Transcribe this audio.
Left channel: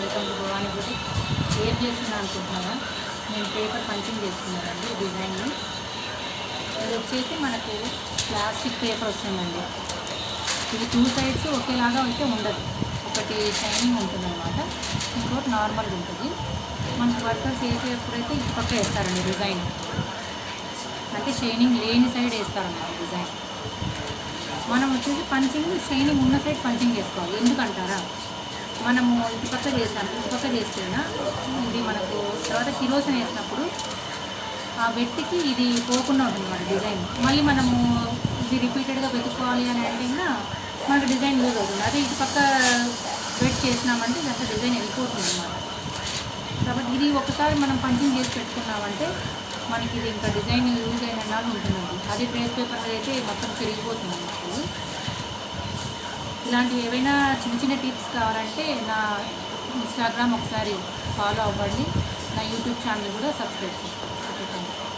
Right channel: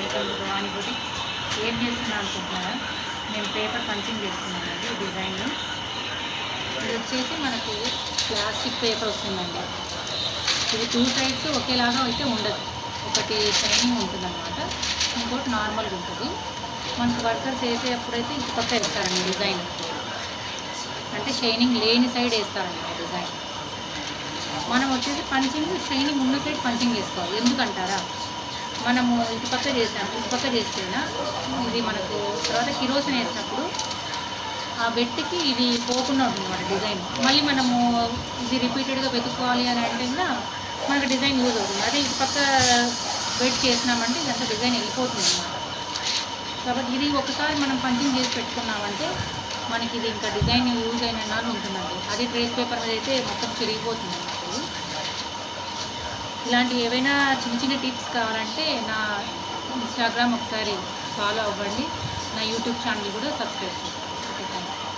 Welcome to Bhavani boutique. ఏం చేస్తున్నా అనుకుంటున్నారా? నేను పేపర్ పంచింగ్ చేస్తున్నానండి. డిజైన్ ఇది వచ్చేసి మనకు ప్లాస్టిక్ పేపర్ వస్తుందండి. ఇది 2 సైడ్స్ ఒకేలాగా అయితే ఉండదు. ఒకటి షైనింగ్ ఉంటుందన్నమాట, ఇంకోటి నార్మల్గా ఉంటుంది. మనకు వర్కర్స్ వేసేటప్పుడైతే ఇటు పక్క వేస్తారండి డిజైన్, అంటే షైనింగ్ లేని సైడ్ వేస్తారన్నమాట డిజైన్. మనం వచ్చేసి పంచింగ్ షైనింగ్ ఉన్న సైడ్ పంచింగ్ చేసుకోవాలి. ఎందుకంటారా, మనము ఇటుపక్క చేసాము, ఇటుపక్క చేస్తేనా ఇది మనకు తర్వాత కిరోసిన్ వేసినప్పుడు ఆ వెట్టికి ఇది పోకుండా ఉంటుంది అన్నమాట డిజైన్. మళ్ళీ మనము ఇది రిపీటెడ్గా వెతుక్కోవాలి అని అంటే మనకు డిజైన్ యూజ్ అవుతుంది. అదే ఇటుపక్క వెట్ చేసినామంటే ఇదంతా డిజైన్ వెళ్ళిపోతుంది అన్నమాట. కాబట్టి ఇది ఒకసారి మనం పంచింగ్ చేసి పెట్టుకున్నామంటే మనకి ఇది ఇంకా డిజైన్ యూజ్ అయిన నాలుగు ఉంటుందండి. అదే ట్రేస్ పేపర్ మీద అయితే మొత్తం చిరిగిపోతుంది అన్నమాట. ఇది ఇలాంటి ఏవైనా చిన్న చిన్న టిప్స్ కావాలంటే నా ఇన్స్టాగ్రామ్ ఒకసారి ఫాలో అవ్వండి, నా యూట్యూబ్ ఛానల్ కూడా సబ్స్క్రైబ్ చేసుకోండి. Okay, thank you.